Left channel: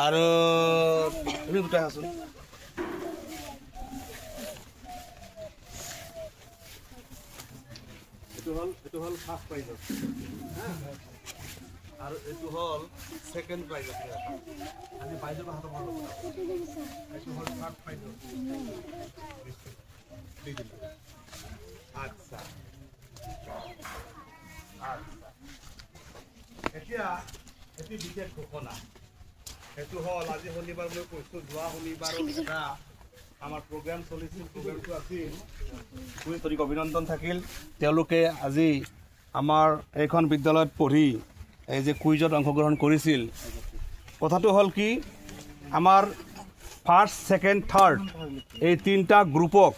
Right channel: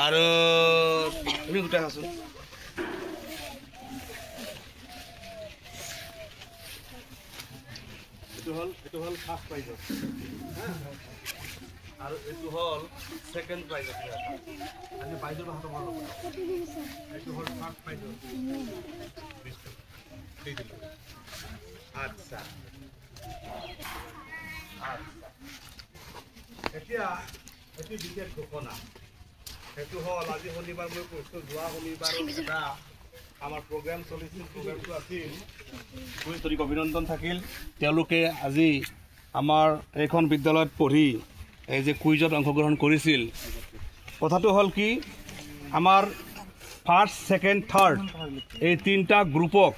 আৰু তুমি গোটাই আছো এটো হল ফাৰ্স্ট প্ৰাইজ আৰু এটো হল সেকেন্ড প্ৰাইজ আমি বাইজৰ হাতত মাৰো এটো হল ফার্স্ট প্রাইজ দি দিলো আচ্ছা এতিয়া অতি বিশেষ ঘোষণা এটো হল আজি শনিবাৰ মই কৈছো যোৱা শনিবাৰ আমাৰ প্ৰগ্ৰাম চলিছিল প্ৰগ্ৰামটো আছিল খুব অভিনন্দন থাকিল তেওঁলোকে আজি আমাৰ এইখন বিদ্যালয়ত পঢ়ি এই যে কুইজত অংশগ্ৰহণ কৰিছিল কথাটো হল কি আমাৰ ফাৰ্স্ট সেকেন্ড থাৰ্ড এই তিনটা গ্ৰুপক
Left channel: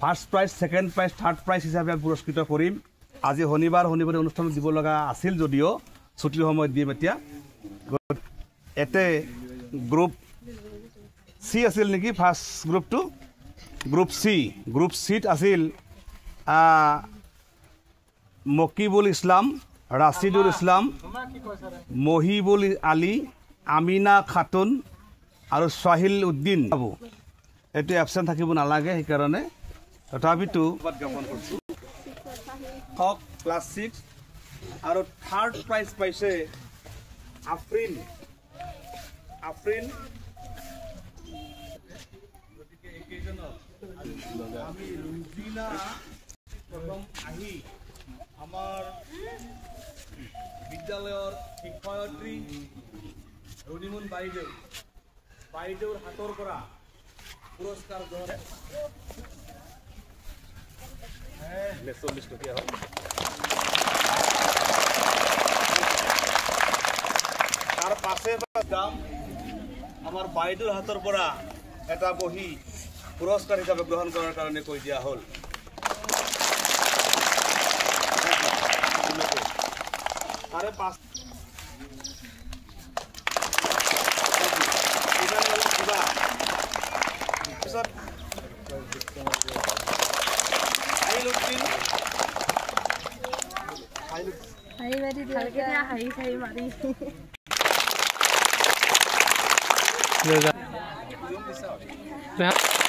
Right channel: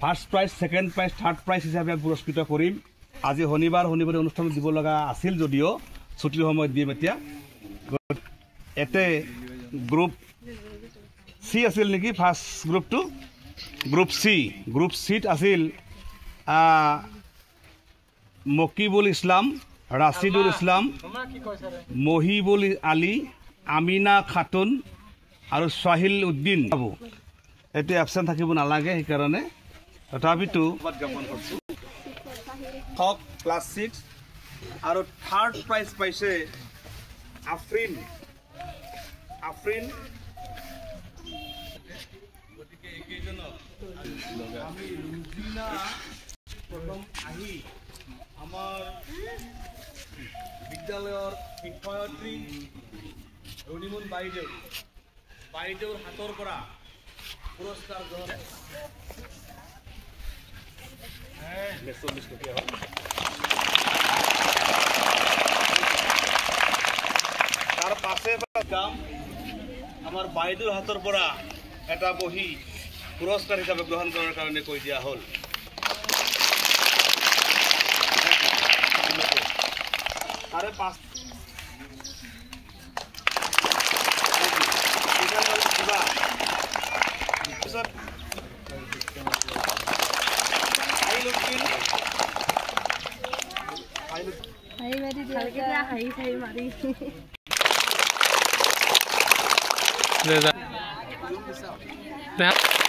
first prize second prize third prize হিচাপে পুৰস্কৃত কৰিম আজি শনিবাৰ অনুষ্ঠান দিব লগা আছিল যদিও ছুটিৰ সময়ত দিম এতিয়া এতে গ্ৰুপ সি আছিল নেকি ফাৰ্স্ট গ্ৰুপটো গ্ৰুপ সিত আছিল মকিবুল ইসলাম ৰাশিদুল ইসলাম মহিবুল আলী আমিনা খাতুন আৰু সাহিল উদ্দিন বাবু এতে এবসেন্ট থাকিব নালাগে সেই কাৰণে তথাপিতো টপ ক্লাস 6 আৰু থাৰ্ড প্ৰাইজ পাইছে আফৰিন গতিকে এইজনৰ আমি ৰুজিনা প্ৰথম আহি আমাৰ বিদ্যালয়ৰ শিক্ষয়িত্ৰী হৰিমন বাইদেউৰ হাতৰ পৰা পুৰস্কাৰ গ্ৰহণ তাৰ পাছে যাম আমাৰ বাইদেউৰ হাতৰ পৰা এটা বহি পুৰস্কাৰ হিচাপে গ্ৰহণ কৰাৰ কাৰণে কৈ দিয়া হ'ল তাৰে পাঁচ Happy